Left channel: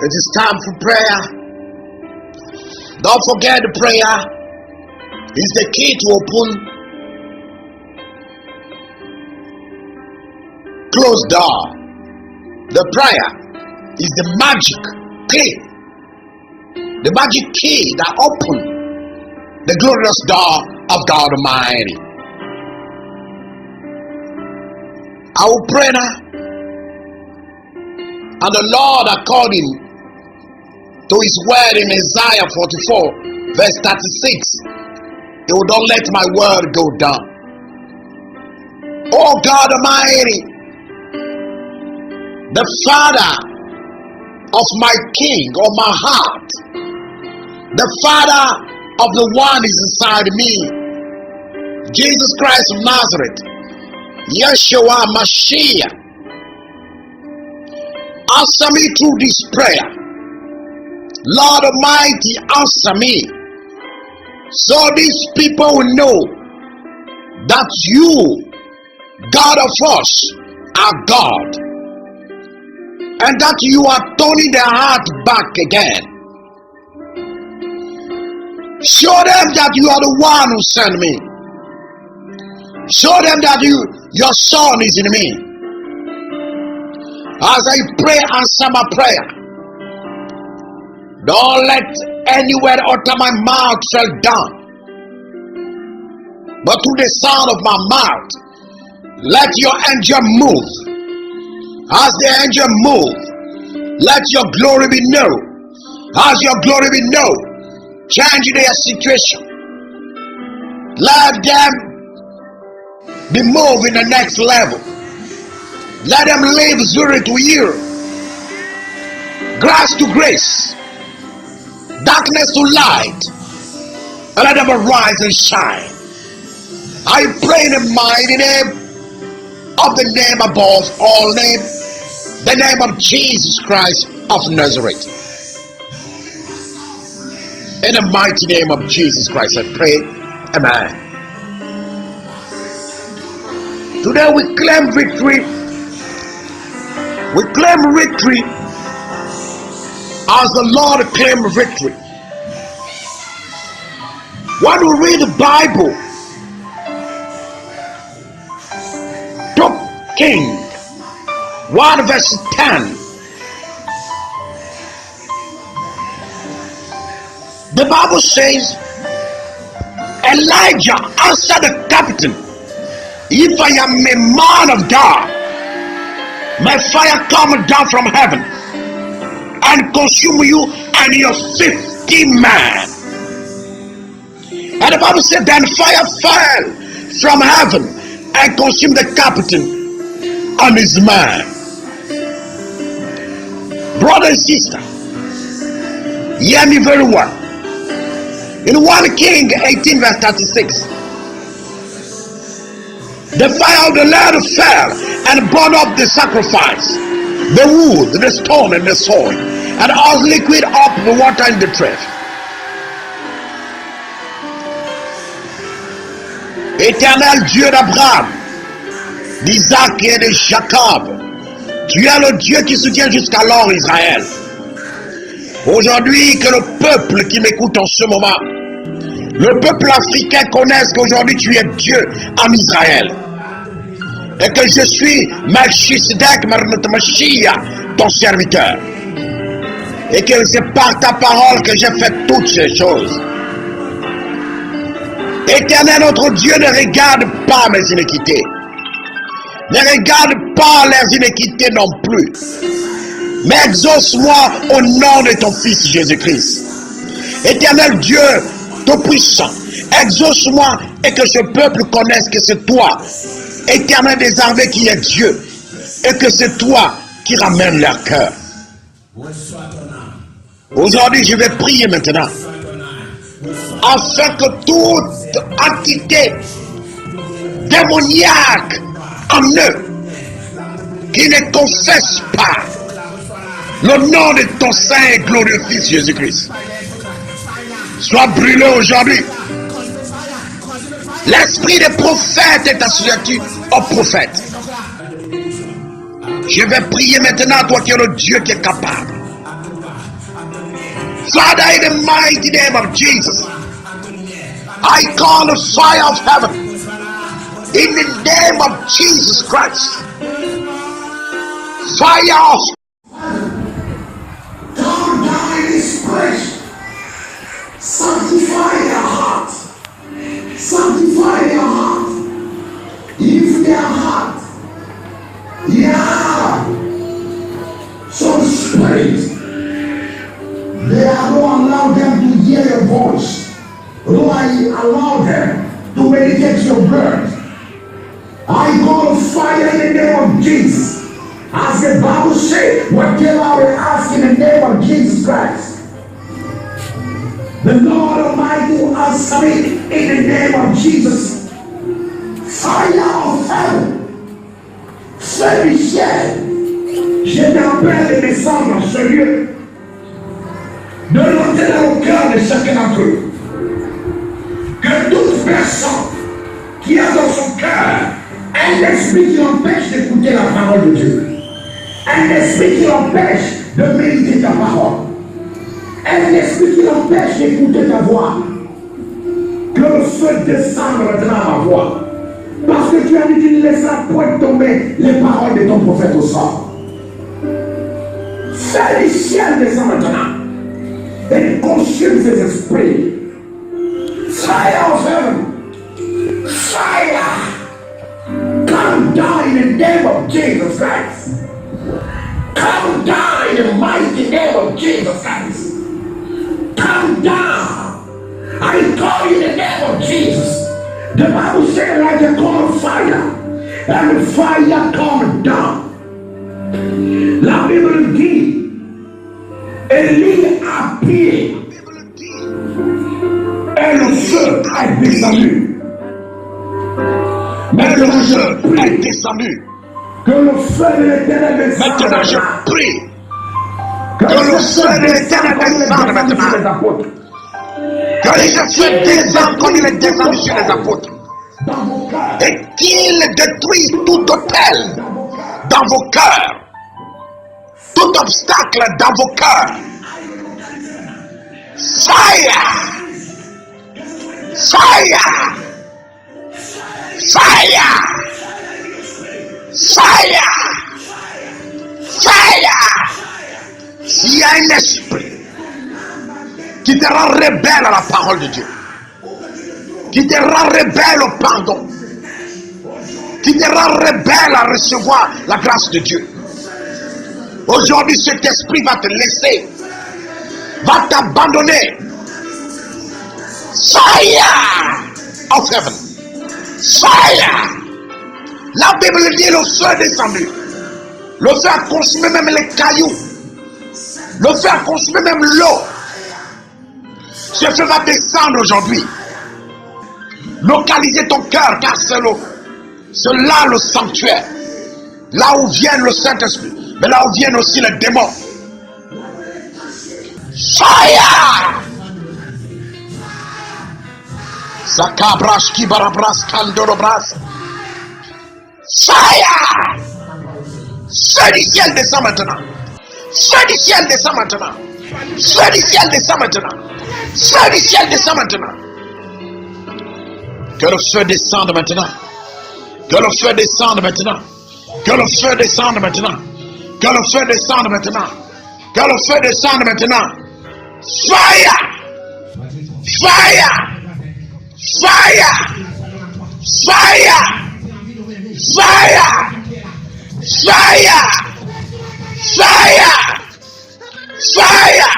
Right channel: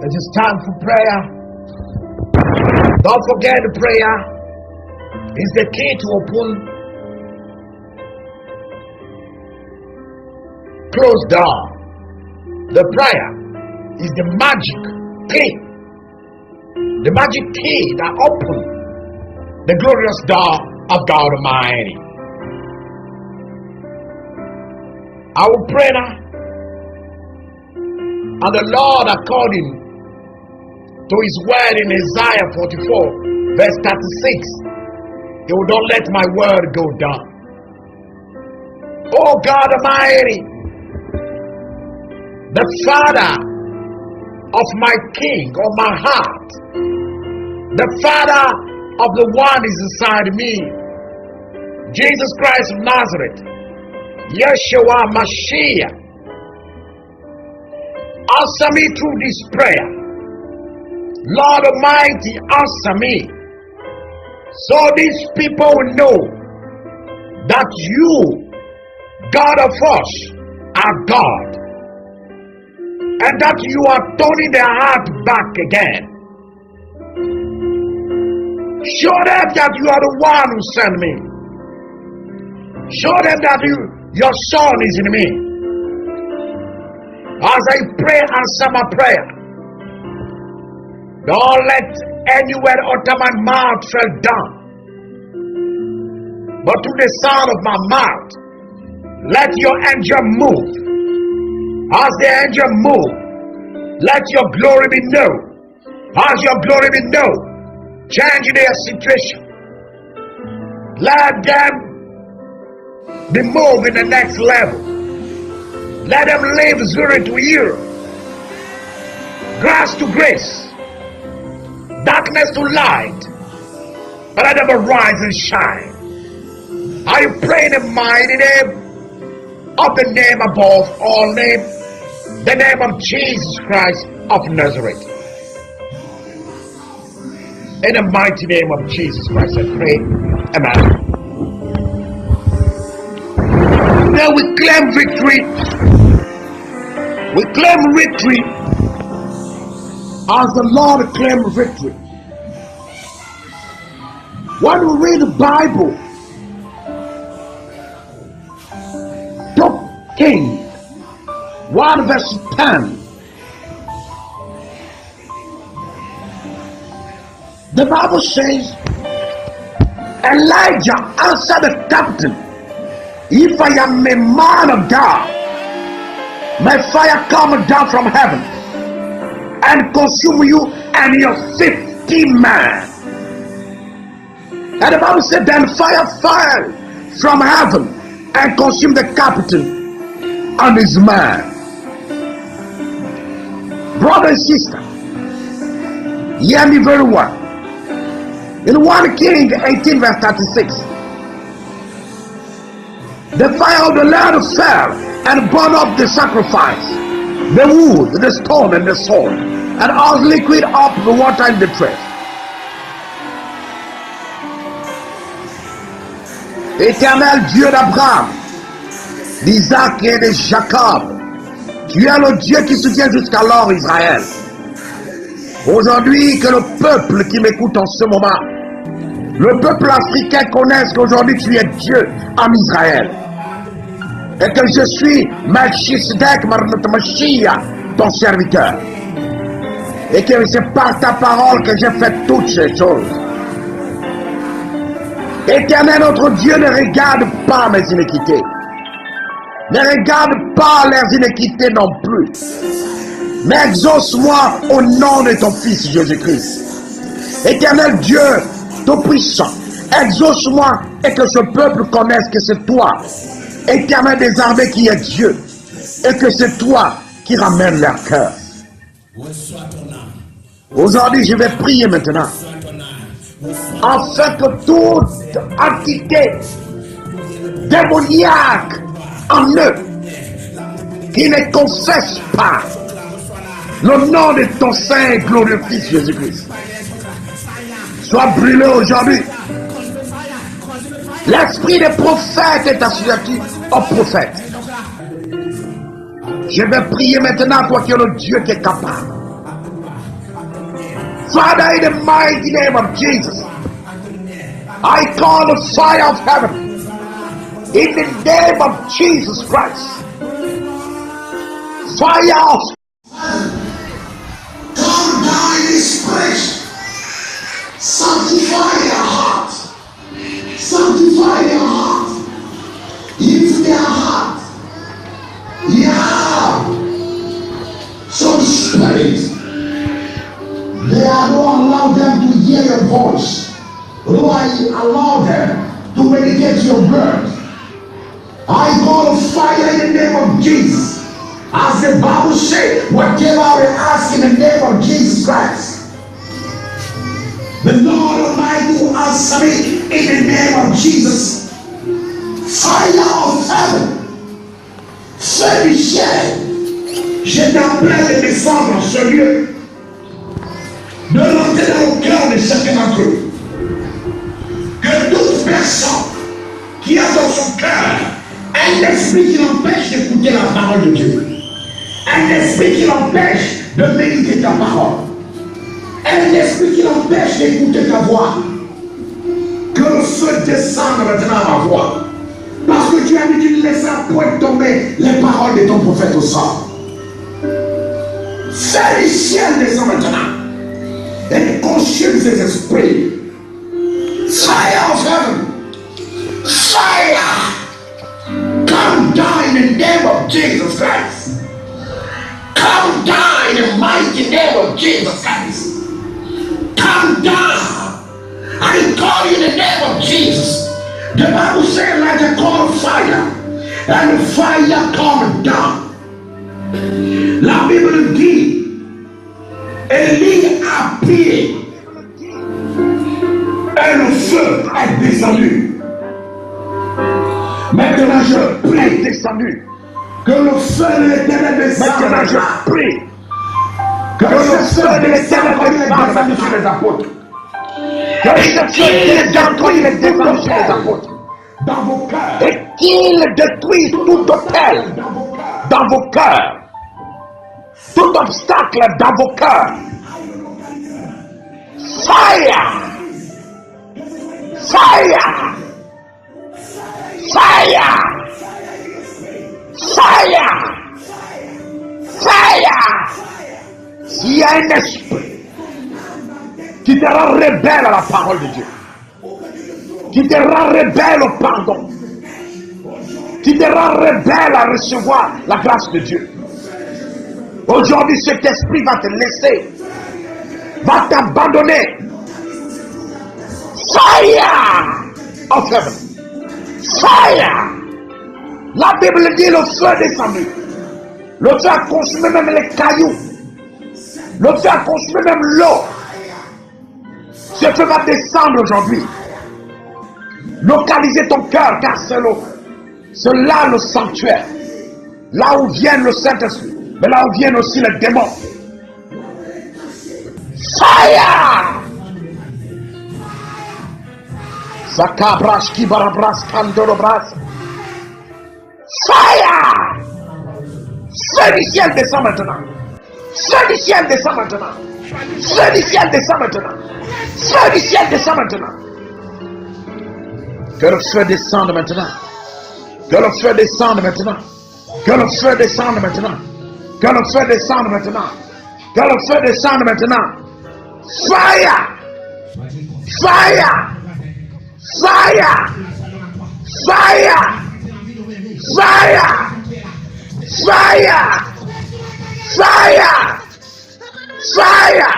It is time for prayer. Don't forget the prayer is the key to open closed door. The prayer is the magic key. The magic key that opens the glorious door of God Almighty. I will pray now. And the Lord, according to his word in Isaiah 44 verse 36, he will not let my word go down. Oh God Almighty, the Father of my King, of my heart, the Father of the one is inside me, Jesus Christ of Nazareth, Yeshua Mashiach, answer me through this prayer. Lord Almighty, answer me, so these people will know that you, God of us, are God, and that you are turning their heart back again. Show them that you are the one who sent me. Show them that your Son is in me. As I pray, answer my prayer. Don't let any word out of my mouth fall down, but through the sound of my mouth, let your angel move. As the angel move, let your glory be known. As your glory be known, change their situation. Let them be moved in the next level. Let them live zero to year, grace to grace, darkness to light, and let them arise and shine. I pray in the mighty name of the name above all names, the name of Jesus Christ of Nazareth. In the mighty name of Jesus Christ I pray. Amen. Today we claim victory. We claim victory as the Lord claimed victory. When we read the Bible, 2 Kings 1 verse 10, the Bible says, Elijah answered the captain, if I am a man of God, may fire come down from heaven and consume you and your 50 men. And the Bible said, then fire fell from heaven and consumed the captain and his man. Brother and sister, hear me very well. In 1 King 18 verse 36, the fire of the Lord fell and burned up the sacrifice, the wood, the stone, and the soil, and all liquid up the water in the trench. Éternel Dieu d'Abraham, d'Isaac et de Jacob, tu es le Dieu qui soutient jusqu'alors Israël. Aujourd'hui, que le peuple qui m'écoute en ce moment, le peuple africain connaisse qu'aujourd'hui tu es Dieu en Israël. Et que je suis Melchisedec Mashiach, ton serviteur. Et que c'est par ta parole que j'ai fait toutes ces choses. Éternel, notre Dieu, ne regarde pas mes iniquités. Ne regarde pas leurs iniquités non plus. Mais exauce-moi au nom de ton Fils Jésus-Christ. Éternel Dieu, Tout-Puissant, exauce-moi et que ce peuple connaisse que c'est toi, Éternel des armées, qui est Dieu, et que c'est toi qui ramène leur cœur. Aujourd'hui, je vais prier maintenant, afin que toute entité démoniaque en eux, qui ne confesse pas le nom de ton saint et glorieux Fils Jésus-Christ, soit brûlé aujourd'hui. L'esprit des prophètes est assujetti aux prophètes. Je vais prier maintenant, toi qui es le Dieu qui est capable. Father, in the mighty name of Jesus, I call the fire of heaven in the name of Jesus Christ. Fire of come down in this place. Sanctify their heart. Sanctify their heart. If their heart, some spirit, they are not allow them to hear your voice. Lord, allow them to meditate your word. I call fire in the name of Jesus. As the Bible says, whatever we ask in the name of Jesus Christ, the Lord Almighty will answer me in the name of Jesus. Fire of heaven, fais du ciel, je t'appelle de descendre en ce lieu, de monter dans le cœur de chacun d'entre eux, que toute personne qui a dans son cœur un esprit qui l'empêche d'écouter la parole de Dieu, un esprit qui l'empêche de méditer ta parole, un esprit qui l'empêche d'écouter ta voix, que le feu descende maintenant à ma voix. Parce que tu as dit tu ne laisseras point tomber les paroles de ton prophète au sol. Fais le ciel descendre maintenant et consume ces esprits. Fire of heaven, fire, come down in the name of Jesus Christ. Come down in the mighty name of Jesus Christ. Come down. I call you in the name of Jesus. The Bible says like a call of fire, and the fire come down. La Bible nous dit, Élie a prié, et le feu est descendu. Maintenant je prie, descendu. Que le feu de l'Éternel descende. Maintenant je prie, que le feu de l'Éternel descende maintenant sur les apôtres. Que ce feu détruise les descende sur les apôtres. Et qu'il détruise tout hôtel dans vos cœurs, tout obstacle dans vos cœurs. Fire! Fire! Fire! Fire! Fire! S'il y a un esprit qui te rend rebelle à la parole de Dieu, qui te rend rebelle au pardon, qui te rend rebelle à recevoir la grâce de Dieu, aujourd'hui cet esprit va te laisser, va t'abandonner. Fire of heaven, fire. La Bible dit le feu descendu, le feu a consumé même les cailloux, le feu a consumé même l'eau. Ce feu va descendre aujourd'hui. Localiser ton cœur, car c'est là le sanctuaire, là où vient le Saint-Esprit, mais là où viennent aussi les démons. Fire! Sakabras kibarabras kandorobras. Fire! Feu du ciel descend maintenant. Feu du ciel descend maintenant. Feu du ciel descend maintenant. Feu du ciel descend maintenant. Que le feu descende maintenant. Que le feu descende maintenant. Que le feu descende maintenant. Que le feu descende maintenant. Que le feu descende maintenant. Fire! Fire! Fire! Fire! Fire! Fire! Fire! Fire!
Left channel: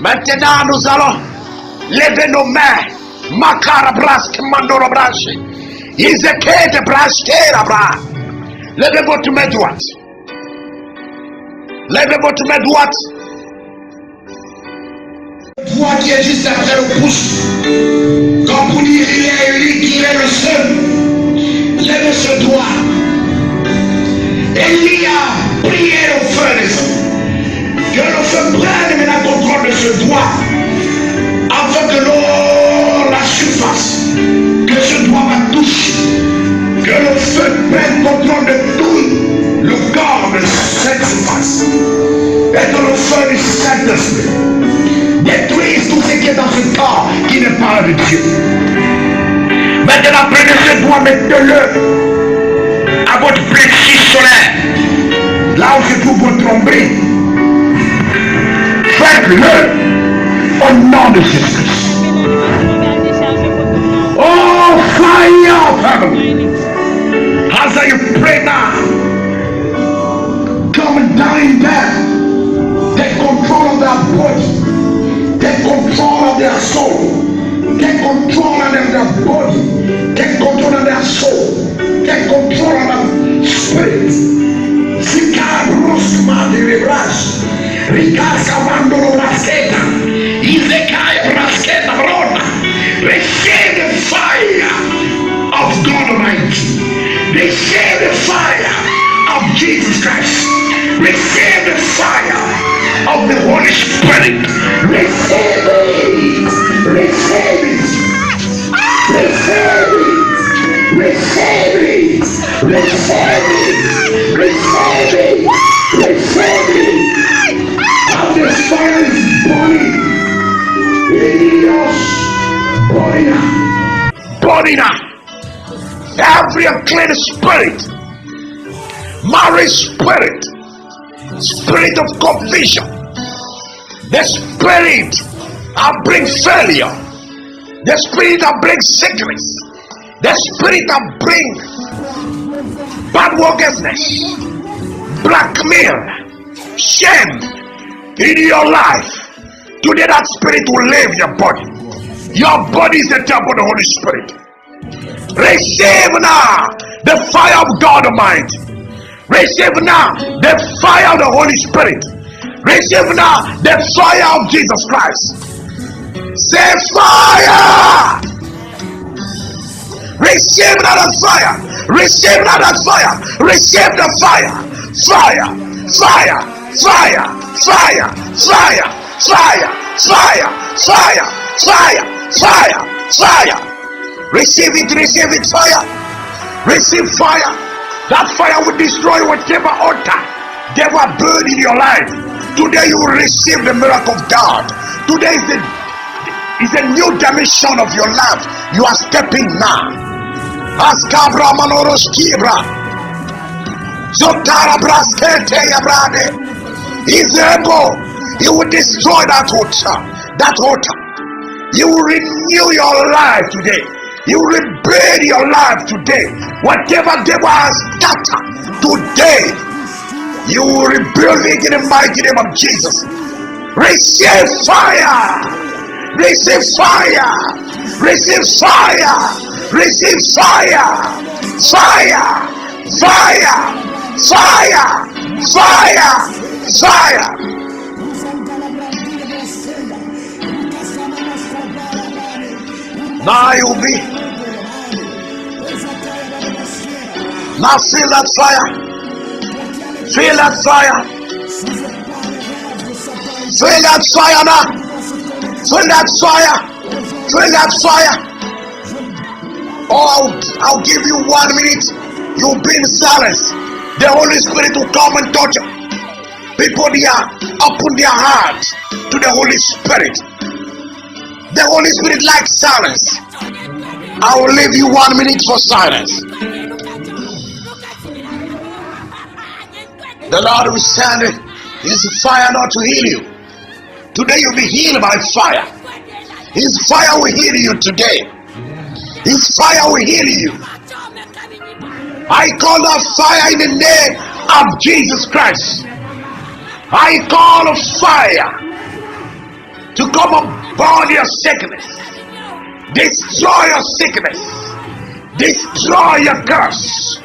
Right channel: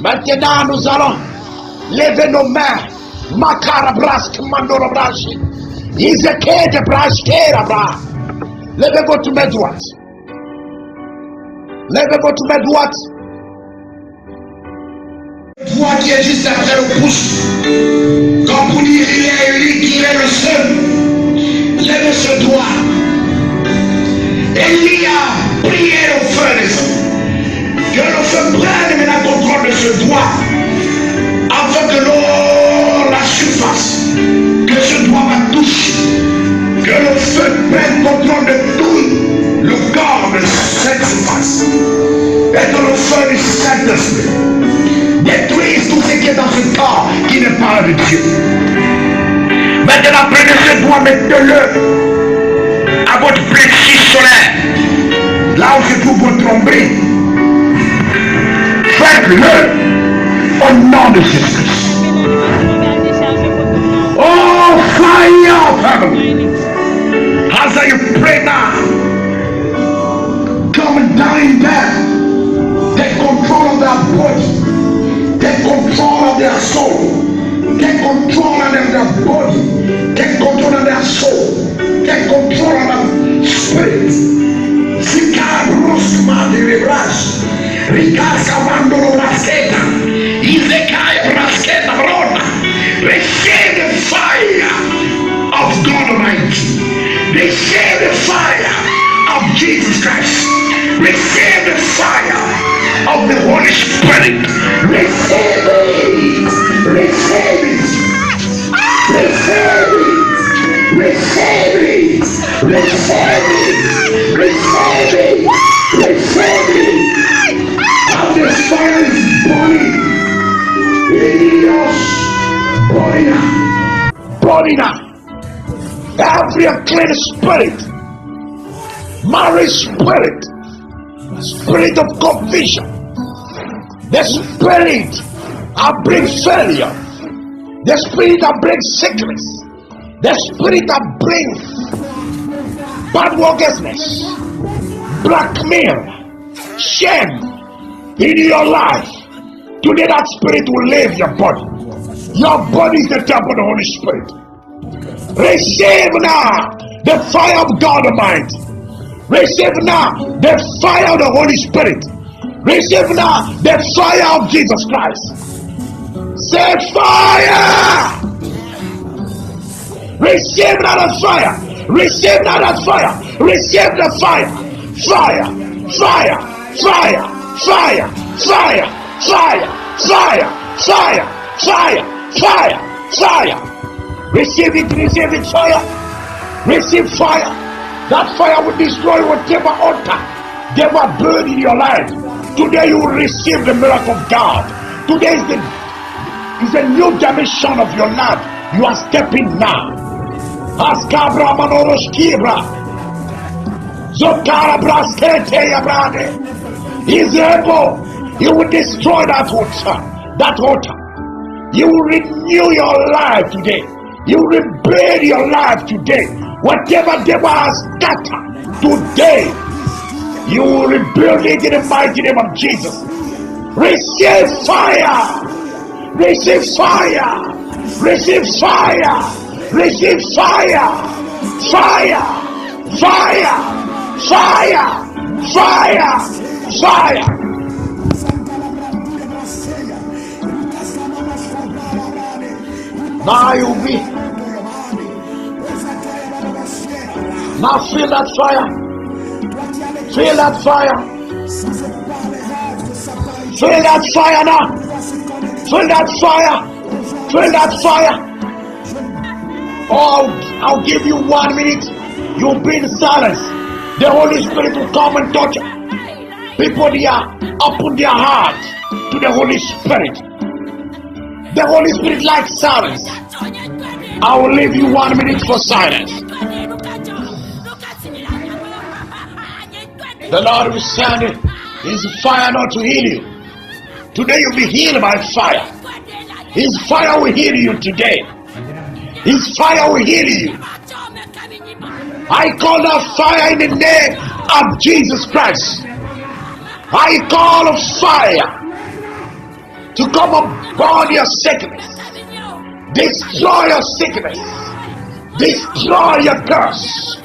Maintenant nous allons lever nos mains. Makara brask mandoro brash. Izekete brash kera bra. Levez votre main droite. Levez votre main droite. Toi qui es juste après le pouce. Comme vous dire il est lui qui est le seul. Levez ce doigt. Élie a prié le feu des hommes. Que le feu prenne maintenant contrôle de ce doigt. Afin que l'eau la surface, que ce doigt va toucher, que le feu prenne contrôle de tout le corps de cette surface, et que le feu du Saint-Esprit qui est dans ce corps qui n'est pas de Dieu. Maintenant, prenez ce doigt, mettez-le à votre plexus solaire, là où se trouve votre nombril. Faites-le au nom de Jésus-Christ. Oh, fire, family. As I pray now, come down in there. Take control of their body. Take control of their soul. Take control of their body. Take control of their soul. Take control of their spirit. Sicabros madribras. Ricasca mandolo braschetta. Izekaya braschetta brona. Receive the fire of God Almighty. Receive the fire of Jesus Christ. Receive the fire of the Holy Spirit. Receive it. Receive it. Receive it. Receive it. Receive it. Receive it. Receive it. And the fire is burning in your body now. Body now. Every unclean spirit, marriage spirit, spirit of confusion, the spirit that brings failure, the spirit that brings sickness, the spirit that brings bad workersness, blackmail, shame in your life. Today that spirit will leave your body. Your body is the temple of the Holy Spirit. Receive now the fire of God Almighty. Receive now the fire of the Holy Spirit. Receive now the fire of Jesus Christ. Say fire. Receive now the fire. Receive now the fire. Receive the fire. Fire. Fire. Fire. Fire. Fire. Fire. Fire. Fire. Fire. Fire. Fire. Receive it, fire. Receive fire. That fire will destroy whatever altar they were burned in your life. Today you will receive the miracle of God. Today is a new dimension of your life. You are stepping now. Askabra manoros kibra. Zotara braskete yabrade. He's able. He will destroy that altar. That altar. You will renew your life today. You rebuild your life today. Whatever devil has scattered today, you will rebuild it in the mighty name of Jesus. Receive fire. Receive fire. Receive fire. Receive fire. Fire. Fire. Fire. Fire. Fire. Now you'll be. Now feel that fire. Feel that fire. Feel that fire now. Feel that fire. Feel that fire. Oh, I'll give you 1 minute. You'll be in silence. The Holy Spirit will come and touch you. People there open their hearts to the Holy Spirit. The Holy Spirit likes silence. I will leave you 1 minute for silence. The Lord will send His fire not to heal you. Today you'll be healed by fire. His fire will heal you today. His fire will heal you. I call that fire in the name of Jesus Christ. I call a fire to come upon your sickness. Destroy your sickness. Destroy your curse.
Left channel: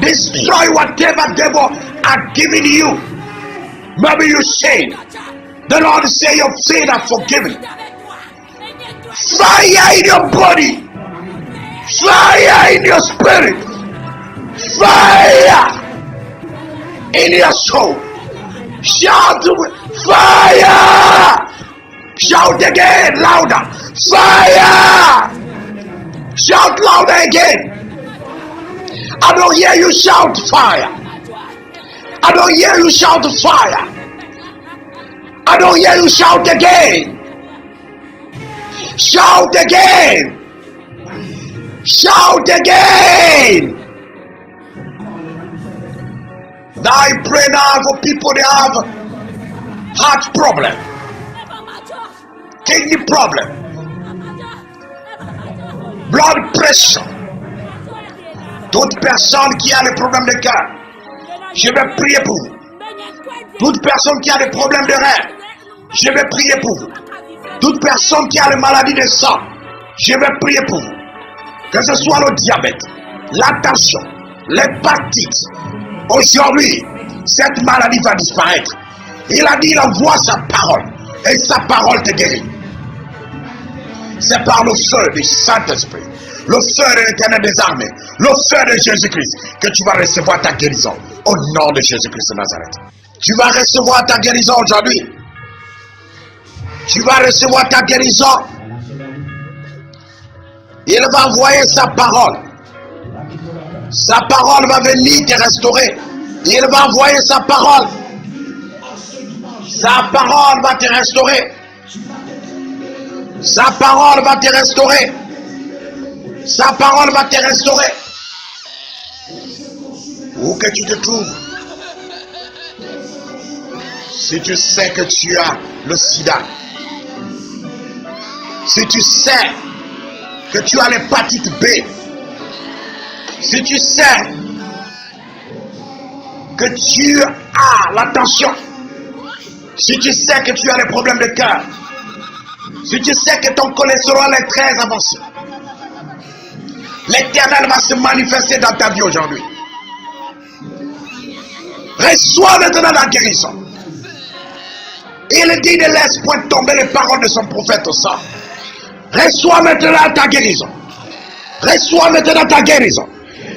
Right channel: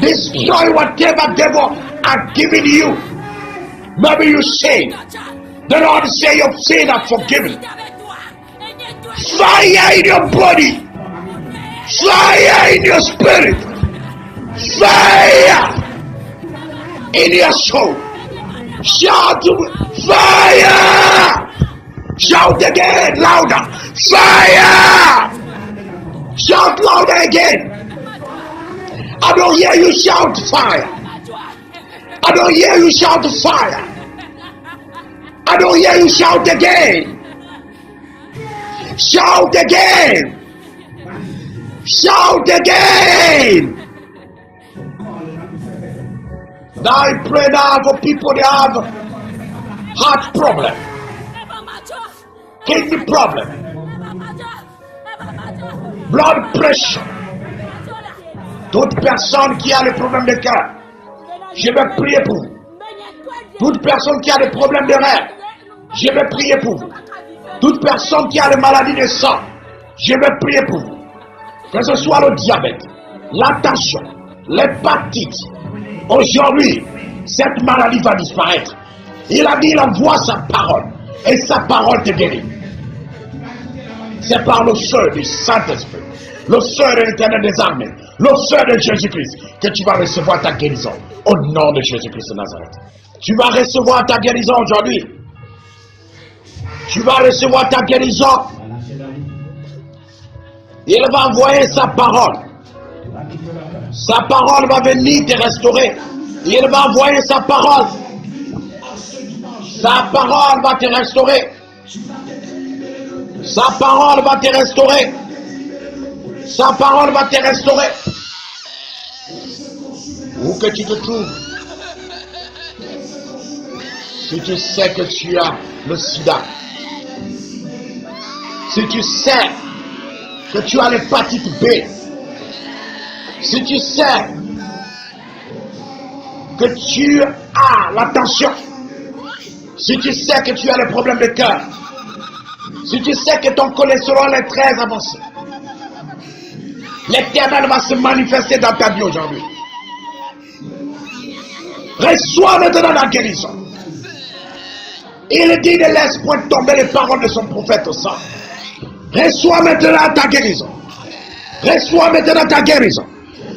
Destroy whatever devil are giving you. Maybe you say, the Lord say your sins are forgiven. Fire in your body. Fire in your spirit. Fire in your soul. Shout fire. Shout again, louder. Fire! Shout louder again. I don't hear you shout fire. I don't hear you shout fire. I don't hear you shout again. Shout again. Shout again. Now I pray now for people that have heart problem, kidney problem, blood pressure. Toute personne qui a des problèmes de cœur, je vais prier pour vous. Toute personne qui a des problèmes de rein, je vais prier pour vous. Toute personne qui a des maladies de sang, je vais prier pour vous. Que ce soit le diabète, la tension, l'hépatite, aujourd'hui, cette maladie va disparaître. Il a dit, il envoie sa parole, et sa parole te guérit. C'est par le feu du Saint-Esprit, le feu de l'Éternel des armées, le feu de Jésus-Christ, que tu vas recevoir ta guérison, au nom de Jésus-Christ de Nazareth. Tu vas recevoir ta guérison aujourd'hui. Tu vas recevoir ta guérison. Il va envoyer sa parole. Sa parole va venir te restaurer. Il va envoyer sa parole. Sa parole va te restaurer. Sa parole va te restaurer. Sa parole va te restaurer. Où que tu te trouves, si tu sais que tu as le sida, si tu sais que tu as l'hépatite B, si tu sais que tu as la tension, si tu sais que tu as des problèmes de cœur, si tu sais que ton cholestérol est très avancé, l'Éternel va se manifester dans ta vie aujourd'hui. Reçois maintenant la guérison. Il dit ne laisse point tomber les paroles de son prophète au sang. Reçois maintenant ta guérison. Reçois maintenant ta guérison.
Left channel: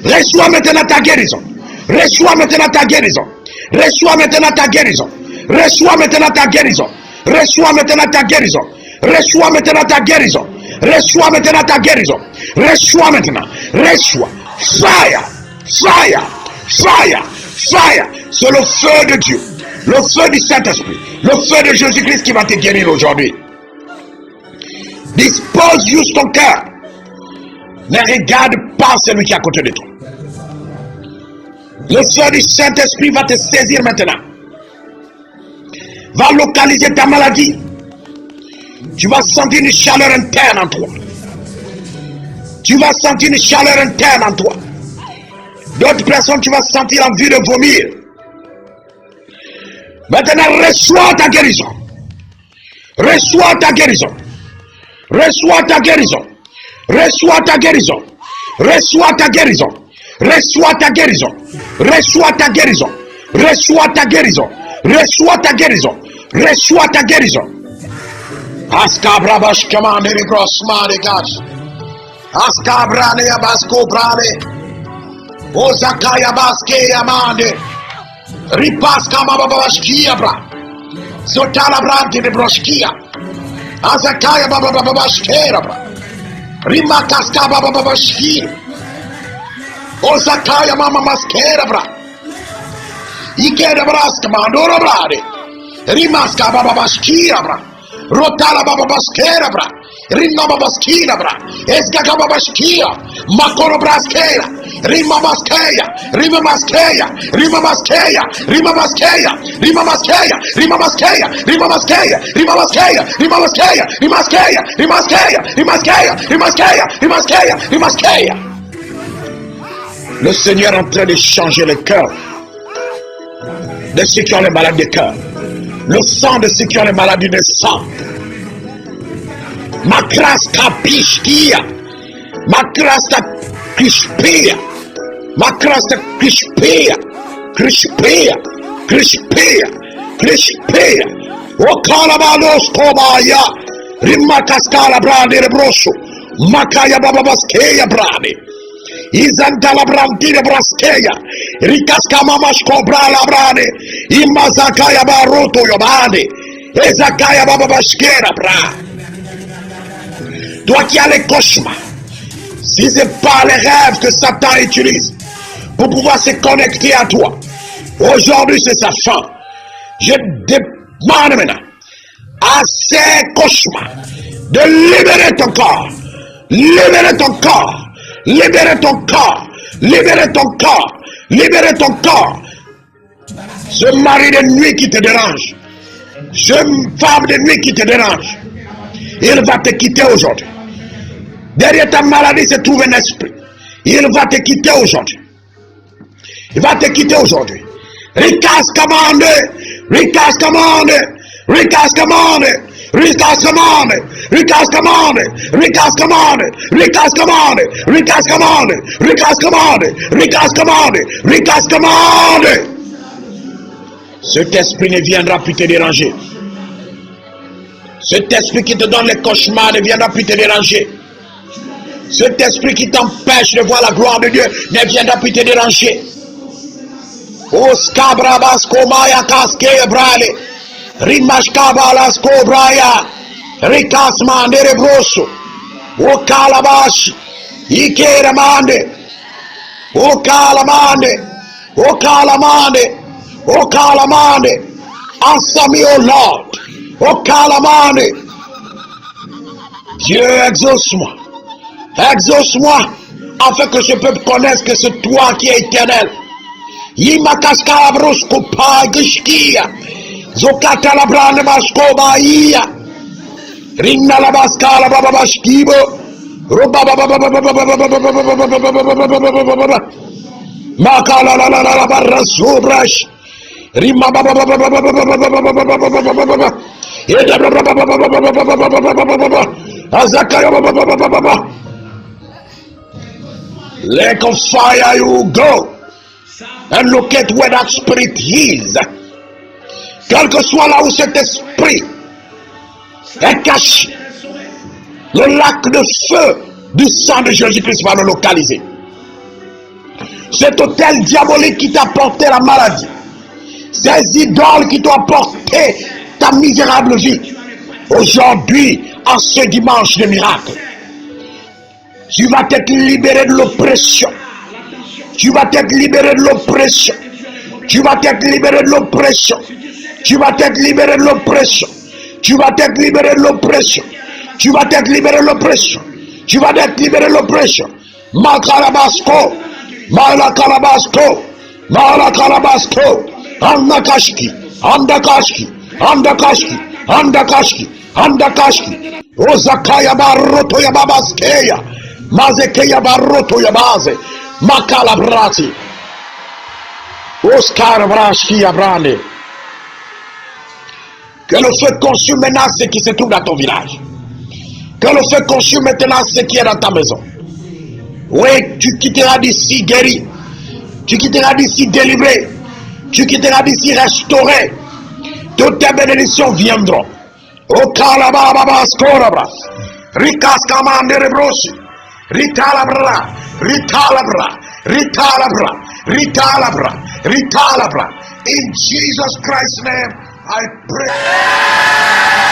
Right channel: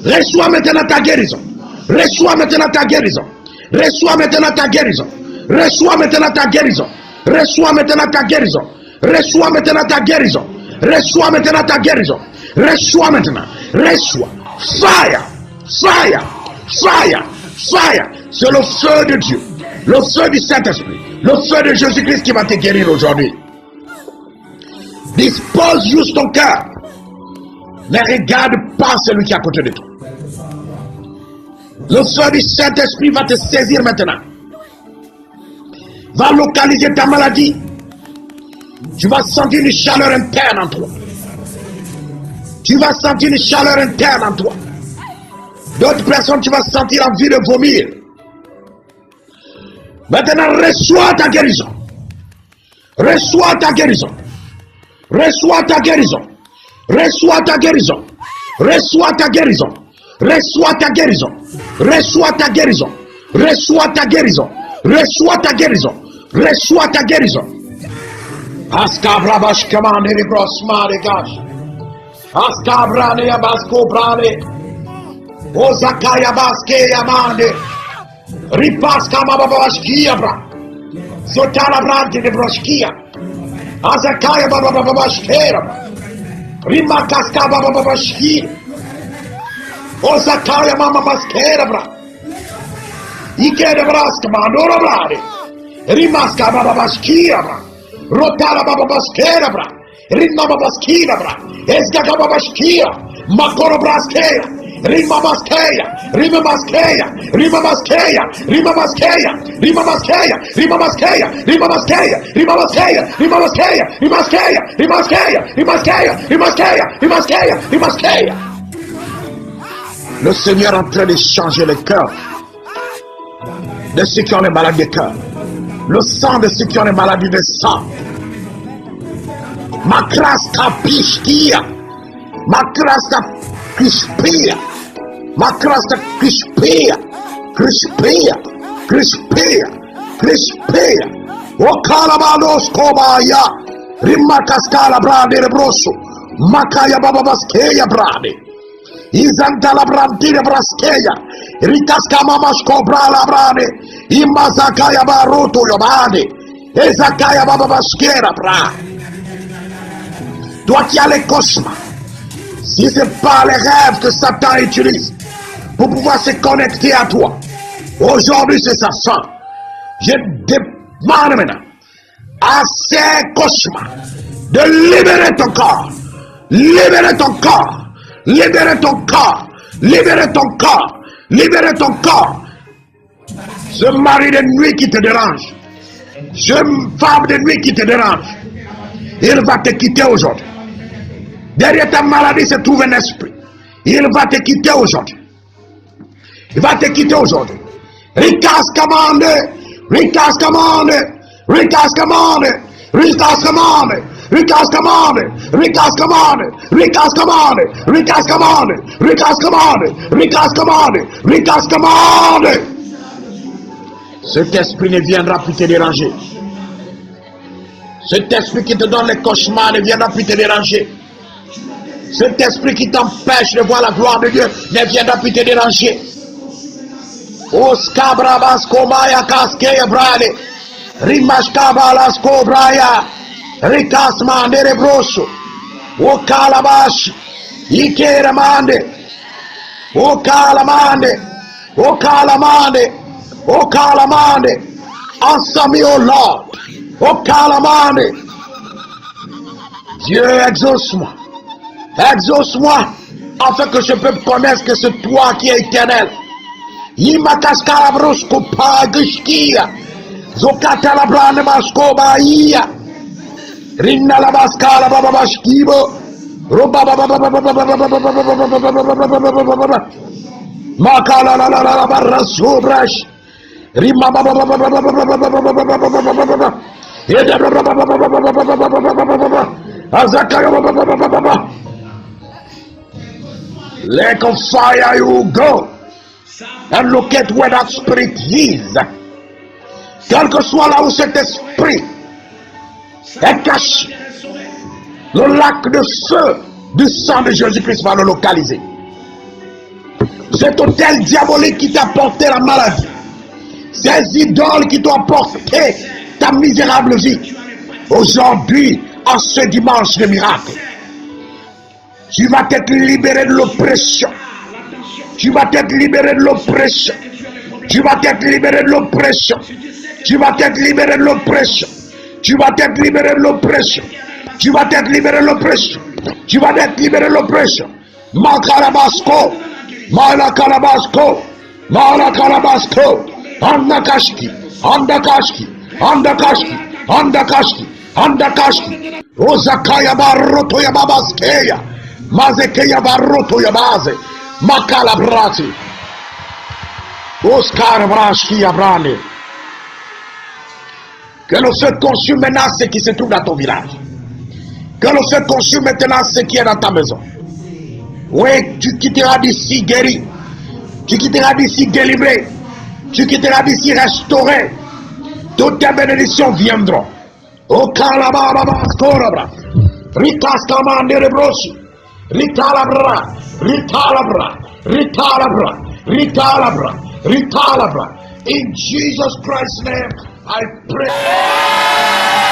Reçois maintenant ta guérison. Reçois maintenant ta guérison. Reçois maintenant ta guérison. Reçois maintenant ta guérison. Reçois maintenant ta guérison. Reçois maintenant ta guérison. Reçois maintenant ta guérison. Reçois maintenant. Reçois. Fire. Fire. Fire. Fire. C'est le feu de Dieu. Le feu du Saint-Esprit. Le feu de Jésus-Christ qui va te guérir aujourd'hui. Dispose juste ton cœur. Ne regarde pas celui qui est à côté de toi. Le feu du Saint-Esprit va te saisir maintenant. Va localiser ta maladie. Tu vas sentir une chaleur interne en toi. Tu vas sentir une chaleur interne en toi. D'autres personnes, tu vas sentir envie de vomir. Maintenant, reçois ta guérison. Reçois ta guérison. Reçois ta guérison. Reçois ta guérison. Reçois ta guérison. Reçois ta guérison. Reçois ta guérison. Reçois ta guérison. Reçois ta guérison. Reçois ta guérison. Askabrabash commande les grosses mains des gars. Askabrane yabasko brane. Ozakaya baske yamande. Ripaska bababashkia bra. Zotala brante de broshkia. Azakaya bababashkera bra. Rimakaska bababashki. Ozakaya mama maskera bra. Ikera braska mandora brade. Rimaska bababashkia bra. Rotala bababaskera bra. Rimma babaskina bra. Esgaga babashkia. Makoro braskera. Rima maskeya, rima maskeya, rima maskeya, rima maskeya, rima maskeya, rima maskeya, rima maskeya, rima maskeya, rima maskeya, rima maskeya, rima maskeya, rima maskeya, rima maskeya, rima maskeya, rima maskeya. Le Seigneur est en train de changer le cœur de ceux qui ont les maladies de cœur, le sang de ceux qui ont les maladies de sang. Makraska pishkia, makraska Crispia, Macrasta Crispia, Crispia, Crispia, Crispia, O Calabanos Comaya, Rimacascala Brade Brosso, Macaya Bababaskeya Brade, Isantala Brantine Braskeya, Ricascamamas Cobrala Brade, Imazakaya Baroto Yobade, Ezakaya Bababasquera Bra. Toi qui as les cauchemars, si ce n'est pas les rêves que Satan utilise pour pouvoir se connecter à toi, aujourd'hui c'est sa fin. Je demande maintenant à ces cauchemars de libérer ton corps. Libérer ton corps. Libérer ton corps. Libérer ton corps. Libérer ton corps. Ce mari de nuit qui te dérange. Ce femme de nuit qui te dérange. Il va te quitter aujourd'hui. Derrière ta maladie se trouve un esprit. Il va te quitter aujourd'hui. Il va te quitter aujourd'hui. Rikas commande. Rikas commande. Rikas commande. Rikas commande. Rikas commande. Rikas commande. Rikas commande. Rikas commande. Rikas commande. Rikas commande. Rikas commande. Cet esprit ne viendra plus te déranger. Cet esprit qui te donne les cauchemars ne viendra plus te déranger. Cet esprit qui t'empêche de voir la gloire de Dieu ne viendra plus te déranger. Oskabrabas komaya kaskeya brale. Rimashkabalas kobraya. Rikasma nerebroso. Okalabashi. Ikeramande. Okalamande. Okalamande. Okalamande. Answer me, O Lord. Okalamande. Dieu, exauce-moi. Exauce-moi, afin que ce peuple connaisse que c'est toi qui es éternel. Imakaskabroskopa gishkia. Zokatalabran maskobaia. Rinna la baskala bababashkibo. Makala la la la barra sobrash. Rima Lake of fire, you go and locate where that spirit is. Quel que soit là où cet esprit est caché, le lac de feu du sang de Jésus-Christ va le localiser. Cet hôtel diabolique qui t'a porté la maladie, ces idoles qui t'ont apporté ta misérable vie, aujourd'hui, en ce dimanche de miracle, tu vas t'être libéré de l'oppression. Tu vas t'être libéré de l'oppression. Tu vas t'être libéré de l'oppression. Tu vas t'être libéré de l'oppression. Tu vas t'être libéré de l'oppression. Tu vas t'être libéré de l'oppression. Tu vas t'être libéré de l'oppression. Makalabasco. Malakalabasco. Malakalabasco. Andakashki. Andakashki. Andakashki. Andakashki. Andakashki. Ozakaya baroto ya babaskeya. Mazekeya baroto ya baze. Makalabrati. Oscar Brashki Abrane. Que le feu consume maintenant ce qui se trouve dans ton village. Que le feu consume maintenant ce qui est dans ta maison. Oui, tu quitteras d'ici guéri. Tu quitteras d'ici délivré. Tu quitteras d'ici restauré. Toutes tes bénédictions viendront. O Kalababa Skorabra. Rikas Kamandere Broshi. Ritalabra. Ritalabra. Ritalabra. Ritalabra. Ritalabra. In Jesus Christ's name, I pray.